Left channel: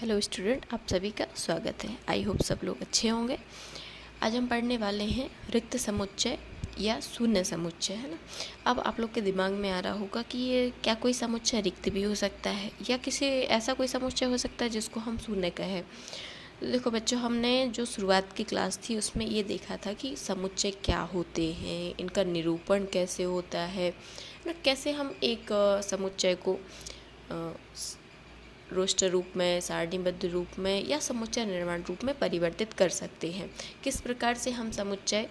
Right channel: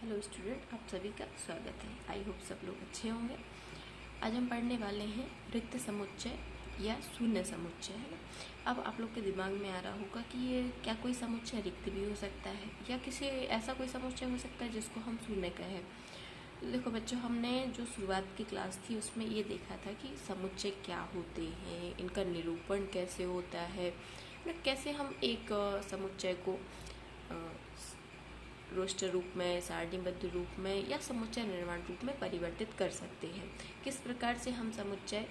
Hello student, आप सभी का स्वागत है। आई होप सब लोग अच्छे होंगे। आज हम पढ़ने वाले हैं रिक्त समुच्चय या शून्य समुच्चय, है ना। अब आप लोग के दिमाग में आ रहा होगा कि ये क्या कोई समुच्चय रिक्त भी हो सकता है या किसी ऐसा कोई समुच्चय हो सकता है जिसको हम शून्य कहें। देखो बच्चों, हमने जो शुरुआत की क्लास थी उसमें ये देखा था कि समुच्चय क्या होते हैं, इनका निरूपण कैसे होता है, कैसे हम एक समुच्चय को रोस्टर रूप में, सारणीबद्ध रूप में या समुच्चय निर्माण रूप में परिवर्तित कर सकते हैं। किस प्रकार से हम समुच्चय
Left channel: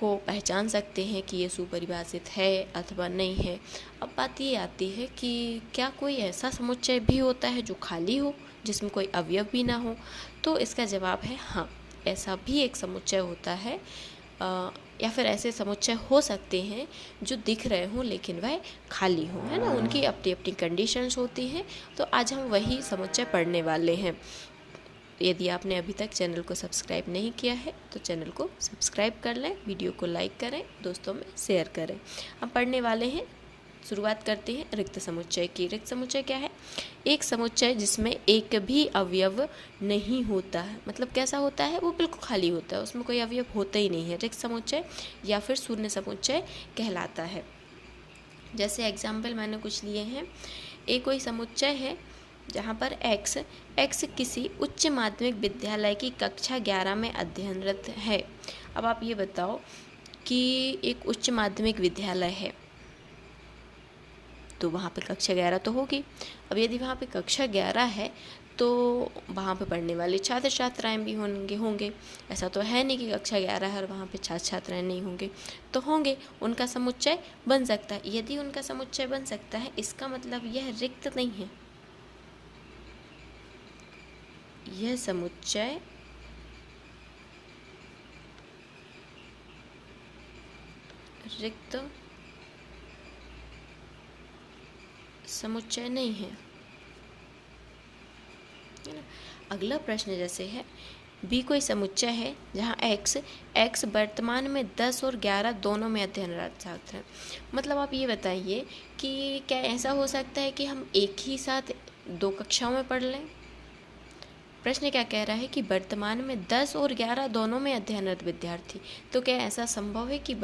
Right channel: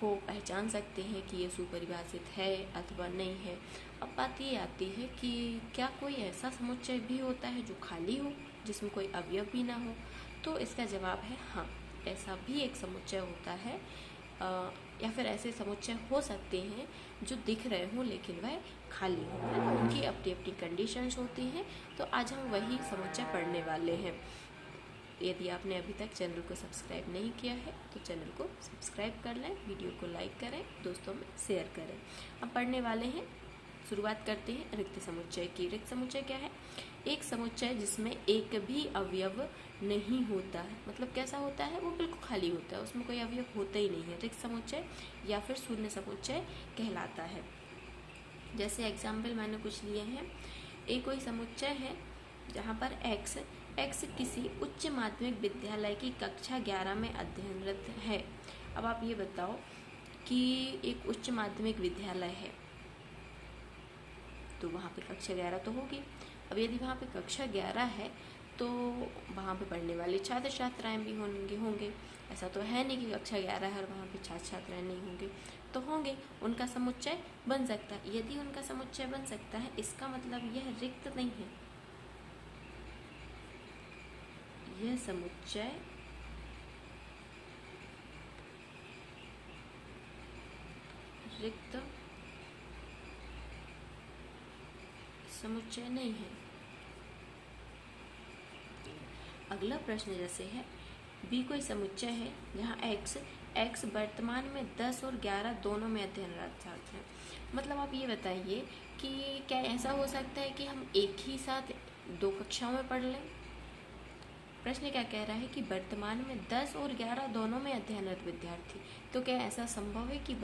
को पहचान सकते हैं कि ये सुपरिभाषित है अथवा नहीं है। अब बात ये आती है कि क्या कोई ऐसा समुच्चय भी होता है जो खाली हो, जिसमें कोई अवयव भी ना हो। तो इसका जवाब है हाँ, ऐसा भी एक समुच्चय होता है, या फिर ऐसे समुच्चय हो सकते हैं जो दिख रहे हों लेकिन वह खाली हों, है ना। उनकी अपनी अपनी कंडीशंस होती हैं। तो आज हम वही समुच्चय पढ़ने वाले हैं। यदि आपने अभी तक चैनल को सब्सक्राइब नहीं किया है तो चैनल को सब्सक्राइब कर लें, वीडियो को लाइक करें, दोस्तों में शेयर करें। हम पढ़ने वाले हैं, शुरुआत करते हैं रिक्त समुच्चय की। रिक्त समुच्चय क्या है? एक समुच्चय जिसमें एक भी अवयव नहीं होता है। मतलब कैसा होता है? वो बिल्कुल खाली होता है, उसमें कोई अवयव होता ही नहीं है। रिक्त समुच्चय या फिर शून्य समुच्चय कहलाता है। जैसे एग्जाम्पल मैंने कुछ लिए हैं। एक कोई समुच्चय है जहाँ पर एक्स किसी उच्च माध्यमिक विद्यालय की कक्षा 11 में अध्ययनरत है। अब आप ये बताओ कि एक उच्च माध्यमिक विद्यालय है तो वहाँ पे कक्षा 11 तो होगी। अब यदि वहाँ पे कक्षा 11 है तो वहाँ पे पढ़ने वाले छात्र छात्राएँ भी होंगे। ऐसा तो है नहीं कि कक्षा 11 है और वहाँ पे छात्र छात्राएँ नहीं होंगे, तो होंगे। उनका समुच्चय बन सकता है। यदि उनका समुच्चय बन सकता है, इसका मतलब यह रिक्त नहीं है। यह समुच्चय रिक्त समुच्चय नहीं है। अगला प्रश्न जैसे है, बी कोई समुच्चय है जहाँ एक्स वर्तमान में 10 और 11 दोनों में अध्ययनरत छात्र हैं। मतलब आप ये बताइए कि क्या ऐसा हो सकता है कि हम एक ही साथ दो कक्षाओं में पढ़ लें। प्रश्न क्या कह रहा है कि वर्तमान में 10 और 11 दोनों में अध्ययनरत विद्यार्थी। तो क्या ऐसा संभव है कि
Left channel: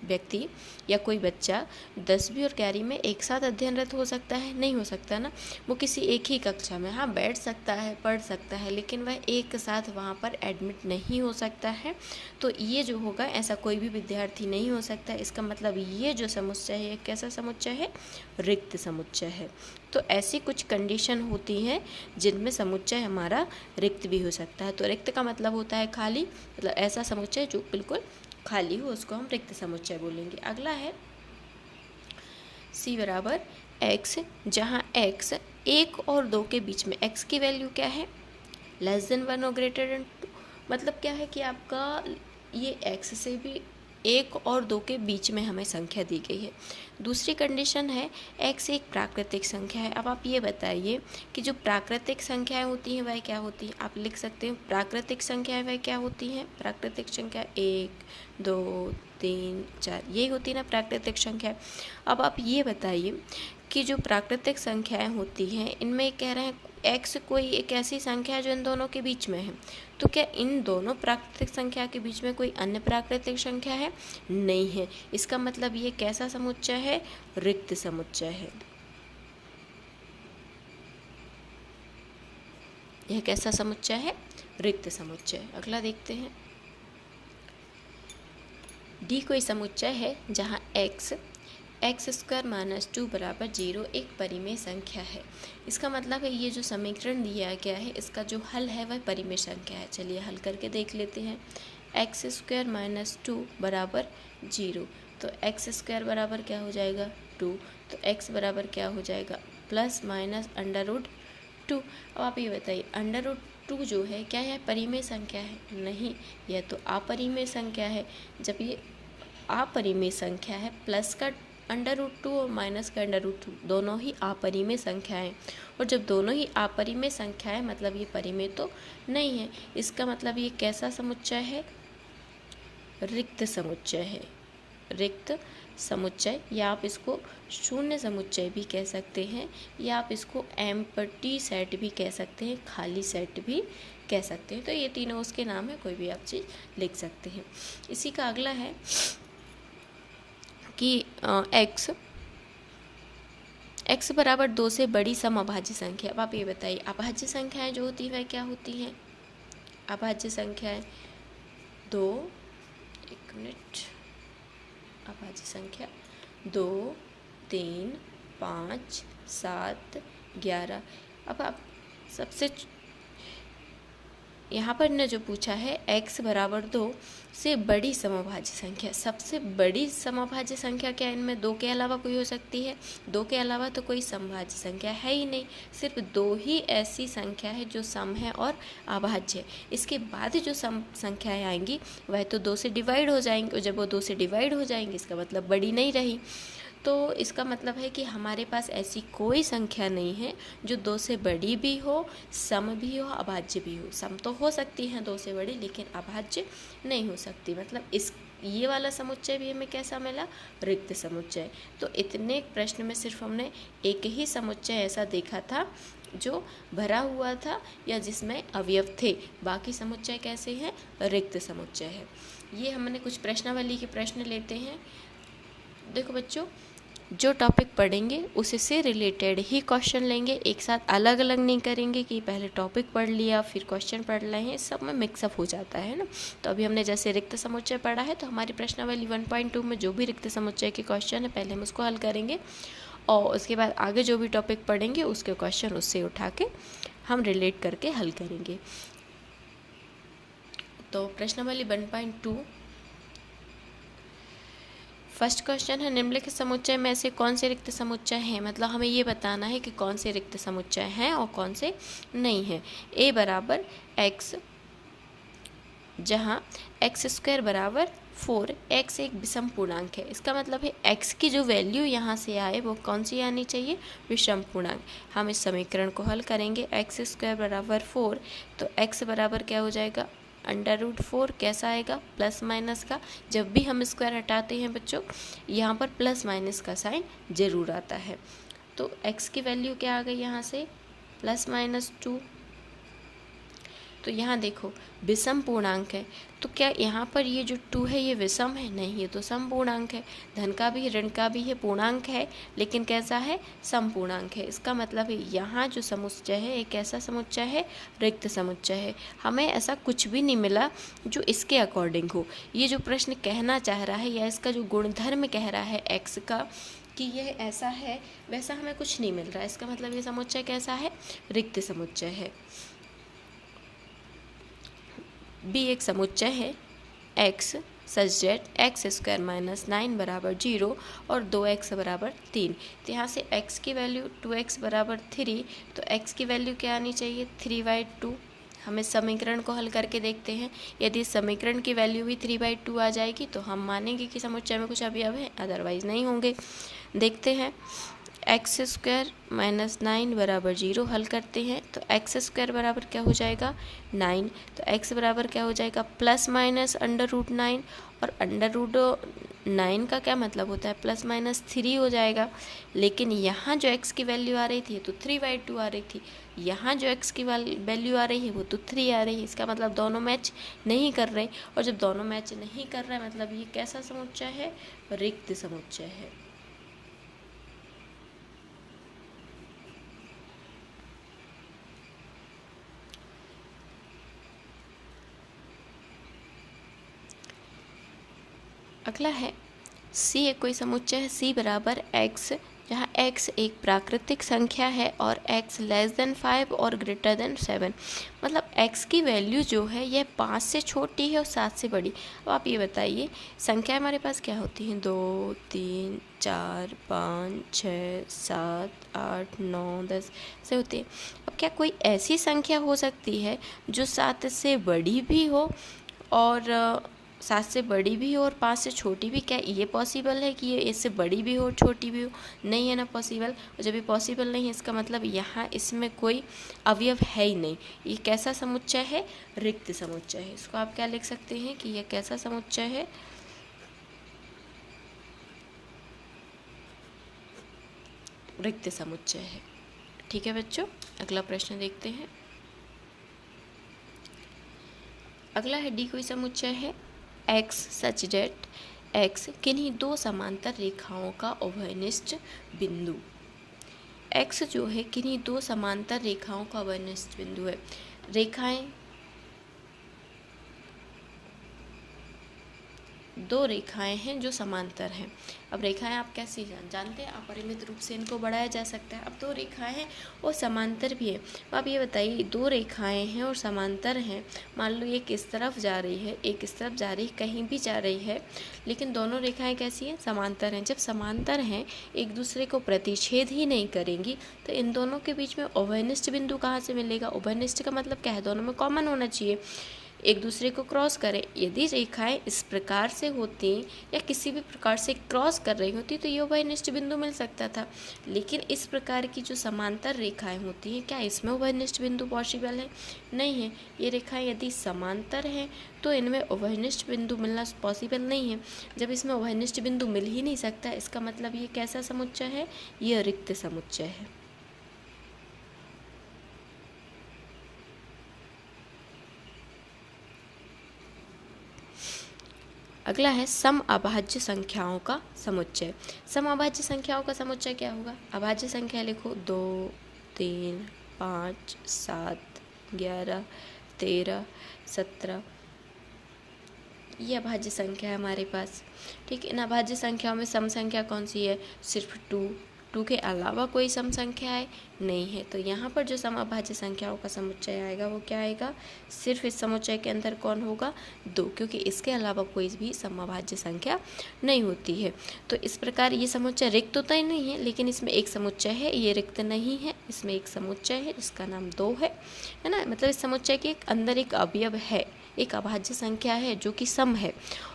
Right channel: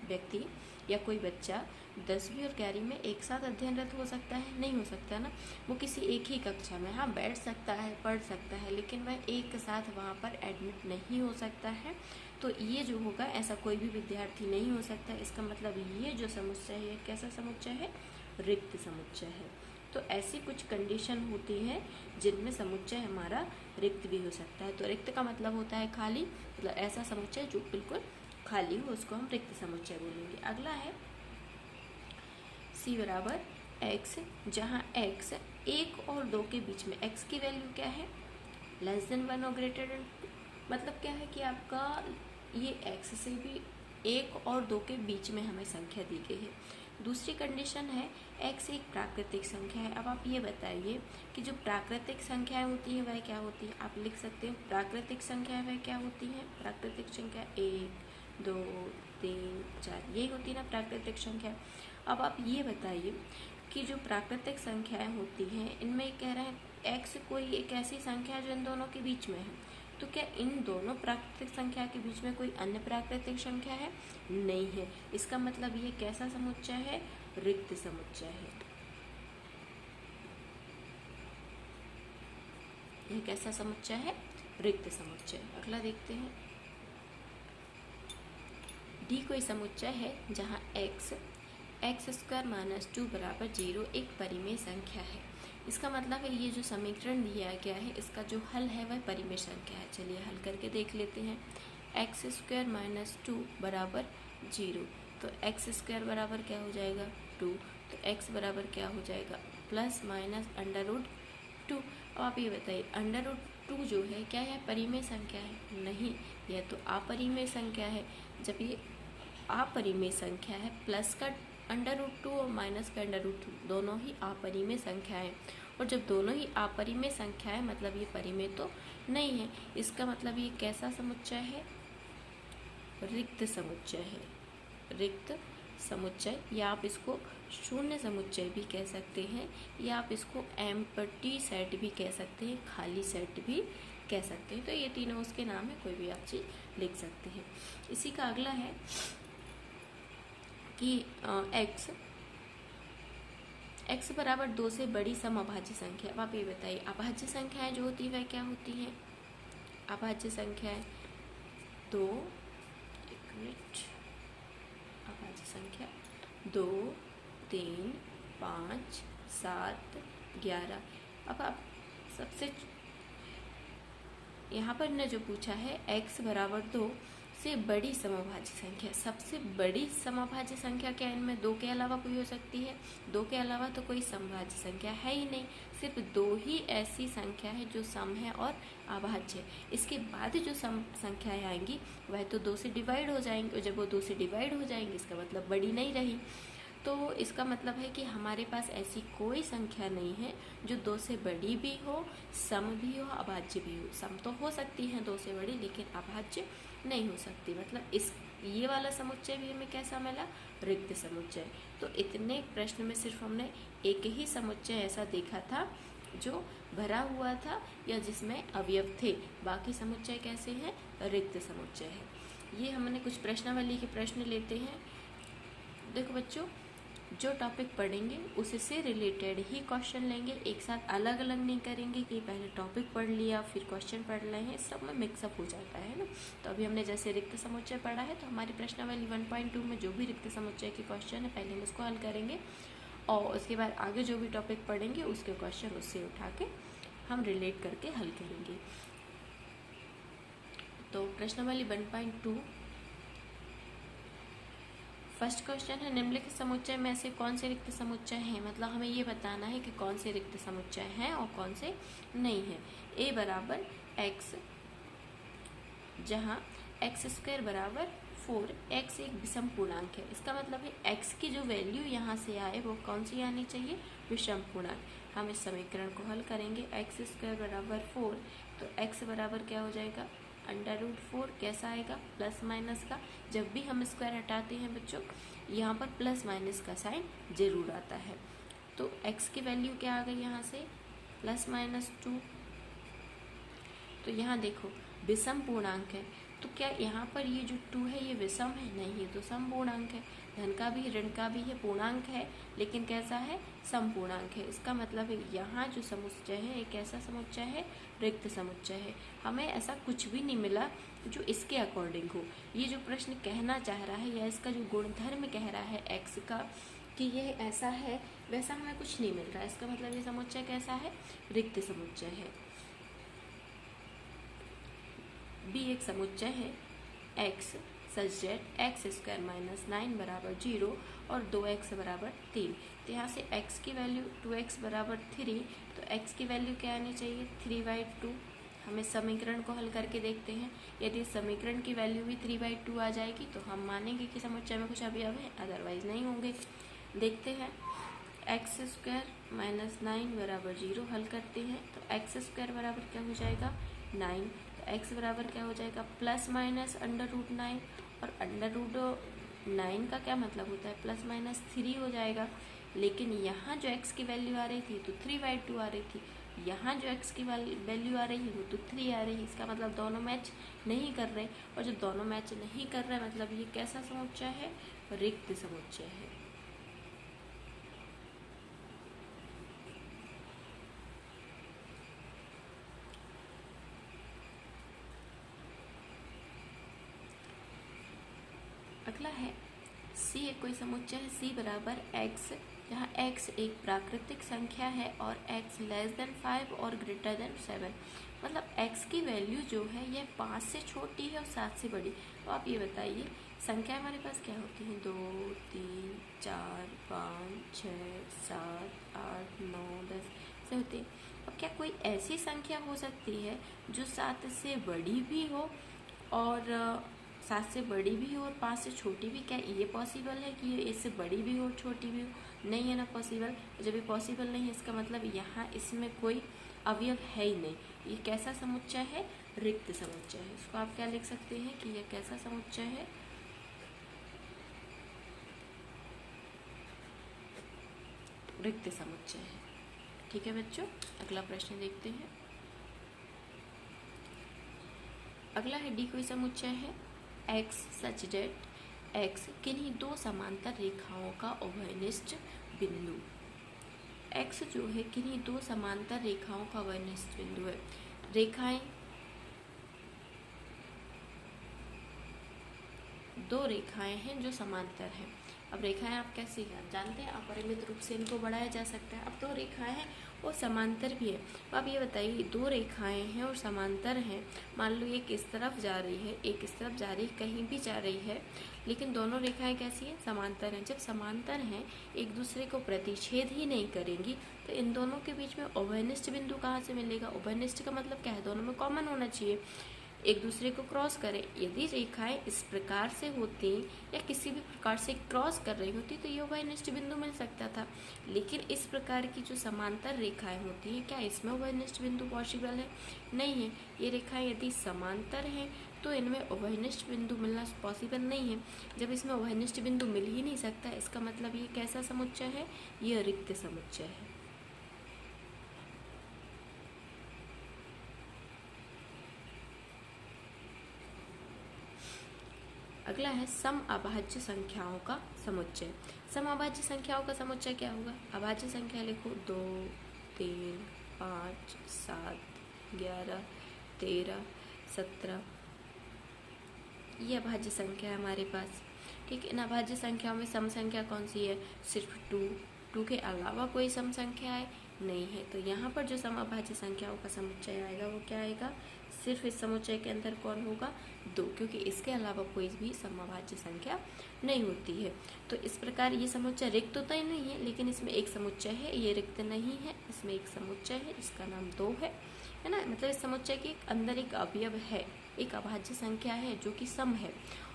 व्यक्ति या कोई बच्चा 10वीं और 11वीं में एक साथ अध्ययनरत हो सकता है? नहीं हो सकता ना। वो किसी एक ही कक्षा में हाँ बैठ सकता है, पढ़ सकता है, लेकिन वह एक साथ वहाँ पर एडमिट नहीं हो सकता है। तो ये जो होगा, ऐसा कोई भी विद्यार्थी नहीं हो सकता। इसका मतलब ये जो समुच्चय है, कैसा समुच्चय है? रिक्त समुच्चय है। तो ऐसी कुछ कंडीशन होती हैं जिनमें समुच्चय हमारा रिक्त भी हो सकता है। तो रिक्त का मतलब होता है खाली, मतलब ऐसा समुच्चय जो बिल्कुल खाली हो उसको हम रिक्त समुच्चय बोलेंगे। अगला है सी बराबर एक्स, जहाँ एक्स 1 और 2 के बीच में, एक्स की वैल्यू क्या है? लेस देन 1 और ग्रेटर देन 2। मतलब क्या है कि आपका ये एक्स से भी 1 और 2 के बीच में हमें संख्या दी गई है। दूसरी कंडीशन है एक्स एक प्राकृतिक संख्या है। अब आप ये बताइए कि जो प्राकृतिक संख्याएं होती हैं वह क्या होती हैं? आप लिख सकते हैं प्राकृतिक संख्याएं वह क्या होती हैं? प्राकृतिक संख्या 1, 2, 3, 4 यही होती है ना प्राकृतिक संख्या। अब आप ये बताइए कि जो प्राकृतिक संख्याएं होती हैं इनमें कह रहे हैं एक्स कोई एक ऐसी संख्या है जो इन दोनों के बीच में है। तो क्या इन दोनों प्राकृतिक संख्या के बीच में कोई अन्य प्राकृतिक संख्या है? नहीं है। इसका मतलब ये कैसा समुच्चय है? रिक्त समुच्चय है। यह कैसा समुच्चय है? रिक्त समुच्चय। अगला देखते हैं। डी कोई समुच्चय है जहाँ एक्स स्क्वायर माइनस 2 बराबर 0 एक परिमेय संख्या है। इसका मतलब है ये जो समीकरण दिया गया है इसका जो हल है वह परिमेय संख्या है। चलिए हल करके देख लेते हैं। एक्स स्क्वायर माइनस 2 बराबर 0, तो एक्स स्क्वायर बराबर क्या हो जाएगा? 2। तो एक्स बराबर क्या हो जाएगा? Plus minus under root 2। अब आप ये बताइए, अंडर रूट 2 जो है क्या है? परिमेय संख्या है? नहीं, यह तो अपरिमेय संख्या है। जब ये अपरिमेय संख्या है, प्लस का अंडर रूट 2 और माइनस का अंडर रूट 2 दोनों ही अपरिमेय संख्याएं, और जब दोनों ही अपरिमेय संख्याएं मतलब ये परिमेय तो नहीं है। इसका मतलब ये कैसा समुच्चय है? रिक्त समुच्चय है। रिक्त समुच्चय, या आप इसको शून्य समुच्चय भी कह सकते हैं, या आप इसको एम्प्टी सेट भी कह सकते हैं, खाली सेट भी कह सकते हैं। तो ये तीनों उसके नाम है, कोई भी आप चीज़ लिख सकते हैं। इसी का अगला है कि x बराबर 2 से बड़ी समअभाज्य संख्या। अब आप ये बताइए, अभाज्य संख्याएं जो होती है वह क्या होती हैं? अभाज्य संख्याएं 2, एक मिनट, अभाज्य संख्या 2, 3, 5, 7, 11। अब आप सबसे यहाँ पर ने जो पूछा है x बराबर 2 से बड़ी समअभाज्य संख्या, सबसे बड़ी समअभाज्य संख्या क्या इनमें 2 के अलावा कोई हो सकती है? 2 के अलावा तो कोई समभाज्य संख्या है ही नहीं, सिर्फ 2 ही ऐसी संख्या है जो सम है और अभाज्य है। इसके बाद जो सम संख्याएं आएंगी वह तो 2 से डिवाइड हो जाएंगी, और जब वो 2 से डिवाइड हो जाएंगी इसका मतलब बड़ी नहीं रही। तो इसका मतलब है कि हमारे पास ऐसी कोई संख्या नहीं है जो 2 से बड़ी भी हो, सम भी हो, अभाज्य भी हो। सम तो हो सकती है 2 से बड़ी, लेकिन अभाज्य नहीं हो सकती। मतलब ये वाला समुच्चय भी हमें कैसा मिला? रिक्त समुच्चय। तो इतने प्रश्न में सिर्फ हमने एक ही समुच्चय ऐसा देखा था जो भरा हुआ था या जिसमें अवयव थे, बाकी समुच्चय कैसे हैं? रिक्त समुच्चय है। ये हमने कुछ प्रश्नावली के प्रश्न लेते हैं। देखो बच्चों, जो टॉपिक पढ़ेंगे उसी से रिलेटेड ही क्वेश्चन लेंगे, एक साथ अलग अलग नहीं करेंगे कि पहले टॉपिक पढ़ लिया फिर क्वेश्चन पढ़ रहे हैं, सब में मिक्सअप हो जाता है ना। तो अभी हमने जैसे रिक्त समुच्चय पढ़ा है, तो हमारी प्रश्नावली 1.2 में जो भी रिक्त समुच्चय के क्वेश्चन है पहले हम उसको हल करेंगे, और उसके बाद आगे जो भी टॉपिक पढ़ेंगे उसके क्वेश्चन उससे उठा के हम रिलेट करके हल करेंगे। तो प्रश्नावली 1.2 फर्स्ट क्वेश्चन है, निम्नलिखित समुच्चय में से कौन से रिक्त समुच्चय हैं? मतलब हमें ये बताना है कि कौन से रिक्त समुच्चय हैं और कौन से नहीं हैं। a बराबर x, जहाँ एक्स स्क्वायर बराबर 4, x एक विषम पूर्णांक है। इसका मतलब है x की जो वैल्यू यहाँ से आए वो कौन सी आनी चाहिए? विषम पूर्णांक। हम इस समीकरण को हल करेंगे, एक्स स्क्वायर बराबर 4, तो x बराबर क्या हो जाएगा? √4। कैसा आएगा? प्लस माइनस का। जब भी हम स्क्वायर हटाते हैं बच्चों, यहाँ पर प्लस माइनस का साइन जरूर आता है। तो x की वैल्यू क्या आ गई यहाँ से? +-2। तो यहाँ देखो विषम पूर्णांक है, तो क्या यहाँ पर ये जो 2 है ये विषम है? नहीं, ये तो सम पूर्णांक है। धन का भी ऋण का भी है, पूर्णांक है, लेकिन कैसा है? सम पूर्णांक है। इसका मतलब है यहाँ जो समुच्चय है एक ऐसा समुच्चय है, रिक्त समुच्चय है। हमें ऐसा कुछ भी नहीं मिला जो इसके अकॉर्डिंग हो। ये जो प्रश्न कहना चाह रहा है या इसका जो गुणधर्म कह रहा है एक्स का कि यह ऐसा है, वैसा हमें कुछ नहीं मिल रहा है। इसका मतलब ये समुच्चय कैसा है? रिक्त समुच्चय है। बी एक समुच्चय है x सच डेट एक्स स्क्वायर माइनस 9 बराबर 0 और 2x बराबर 3। तो यहाँ से x की वैल्यू 2x बराबर 3, तो x की वैल्यू क्या आनी चाहिए? 3/2। हम इस समीकरण को हल करके देखते हैं। यदि इस समीकरण की वैल्यू भी 3/2 आ जाएगी तो हम मानेंगे कि समुच्चय में कुछ अवयव है, अदरवाइज नहीं होंगे। देखते हैं, एक्स स्क्वायर माइनस 9 बराबर 0 हल करते हैं, तो एक्स स्क्वायर बराबर क्या हो जाएगा? 9। तो एक्स बराबर क्या हो जाएगा? +-√9, और √9 का क्या मतलब होता है? +-3 हो जाएगा। लेकिन यहाँ जो x की वैल्यू आ रही थी तो 3/2 आ रही थी, यहाँ जो x की वैल्यू आ रही है वो तो 3 आ रही है। इसका मतलब दोनों मैच नहीं कर रहे, और जब दोनों मैच नहीं कर रहे मतलब ये कैसा समुच्चय है? रिक्त समुच्चय है। अगला है सी एक कोई समुच्चय है सी बराबर x, जहाँ x एक प्राकृतिक संख्या है और x <5 और >7। मतलब x की वैल्यू जो है यह 5 से छोटी है और 7 से बड़ी। अब आप ये बताइए, संख्या हमारे पास क्या होती हैं? 2, 3, 4, 5, 6, 7, 8, 9, 10 से होती है। अब क्या कोई ऐसी संख्या हो सकती है जो 7 से बड़ी भी हो और 7 से बड़ी भी हो और 5 से छोटी भी? क्या ये पॉसिबल है कि ये इससे बड़ी भी हो छोटी भी हो? नहीं है ना पॉसिबल। और जब ये पॉसिबल नहीं है इसका मतलब यहाँ इसमें कोई अवयव है ही नहीं। ये कैसा समुच्चय है? रिक्त समुच्चय है। इसको आप क्या लिख सकते हैं कि यह कैसा समुच्चय है? रिक्त समुच्चय है। ठीक है बच्चों, अगला प्रश्न देखते हैं। अगला है डी कोई समुच्चय है एक्स सच डेट एक्स किन्हीं दो समांतर रेखाओं का उभयनिष्ठ बिंदु। एक्स जो है किन्हीं दो समांतर रेखाओं का उभयनिष्ठ बिंदु है। रेखाएं, दो रेखाएं हैं जो समांतर हैं। अब रेखाएं आप कैसे जानते हैं, अपरिमित रूप से इनको बढ़ाया जा सकता है। अब दो रेखाएं हैं और समांतर भी है। तो आप ये बताइए, दो रेखाएं हैं और समांतर हैं, मान लो एक इस तरफ जा रही है, एक इस तरफ जा रही है, कहीं भी जा रही है, लेकिन दोनों रेखाएं कैसी हैं, समांतर हैं। जब समांतर हैं, एक दूसरे को प्रतिच्छेद ही नहीं करेंगी, तो इन दोनों के बीच में उभयनिष्ठ बिंदु कहाँ से मिलेगा। उभयनिष्ठ का मतलब क्या है, दोनों में कॉमन होना चाहिए, एक दूसरे को क्रॉस करें। यदि रेखाएं इस प्रकार से होती या किसी भी प्रकार से क्रॉस कर रही होती तो ये उभयनिष्ठ बिंदु मिल सकता था। लेकिन इस प्रकार की जो समांतर रेखाएं होती हैं, क्या इसमें उभयनिष्ठ बिंदु पॉसिबल है, नहीं है। ये रेखाएं यदि समांतर हैं तो इनमें उभयनिष्ठ बिंदु मिलना पॉसिबल नहीं है। जब इसमें उभयनिष्ठ बिंदु मिल ही नहीं सकता, इसका मतलब ये कैसा समुच्चय है, ये रिक्त समुच्चय है। अगला है सम अभाज्य संख्याओं का समुच्चय। सम अभाज्य संख्याओं का समुच्चय क्या होगा, अभाज्य संख्या लिखो 2, 3, 5, 7, 11, 13, 17, ये अभाज्य संख्या है हमारे पास। ठीक है, इन अभाज्य संख्याओं में सम संख्या कौन सी है, सिर्फ 2 के अलावा कोई सम संख्या है, नहीं है। तो यहाँ पर जो सम अभाज्य संख्याओं का समुच्चय आएगा वो क्या आएगा, सिर्फ इस समुच्चय के अंदर कौन होगा, 2, क्योंकि इसके अलावा कोई भी सम अभाज्य संख्या नहीं होती है। तो इस प्रकार ये समुच्चय रिक्त होता ही नहीं है, लेकिन इसमें एक समुच्चय है, ये रिक्त नहीं है, इसमें एक समुच्चय है जिसका नाम 2 है ना। मतलब इस समुच्चय के अंदर एक अवयव है, एक अभाज्य संख्या है जो कि सम है।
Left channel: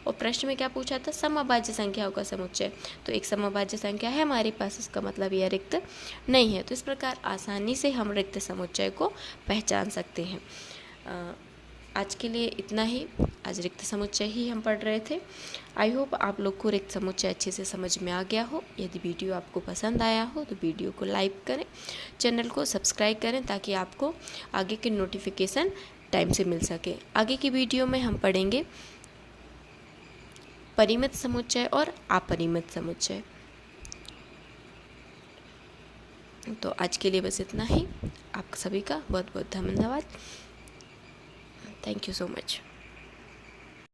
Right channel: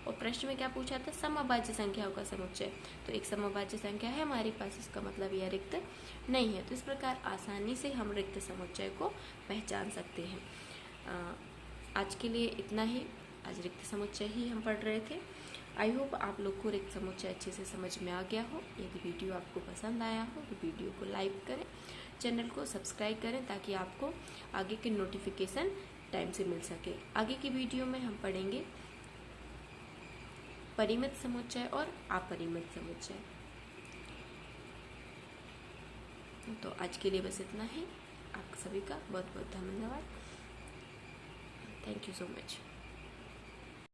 और प्रश्न में क्या पूछा था, सम अभाज्य संख्याओं का समुच्चय, तो एक सम अभाज्य संख्या है हमारे पास, इसका मतलब यह रिक्त नहीं है। तो इस प्रकार आसानी से हम रिक्त समुच्चय को पहचान सकते हैं। आज के लिए इतना ही, आज रिक्त समुच्चय ही हम पढ़ रहे थे। आई होप आप लोग को रिक्त समुच्चय अच्छे से समझ में आ गया हो। यदि वीडियो आपको पसंद आया हो तो वीडियो को लाइक करें, चैनल को सब्सक्राइब करें, ताकि आपको आगे के नोटिफिकेशन टाइम से मिल सके। आगे की वीडियो में हम पढ़ेंगे परिमित समुच्चय और अपरिमित समुच्चय। तो आज के लिए बस इतना ही। आप सभी का बहुत बहुत धन्यवाद। Thank you so much.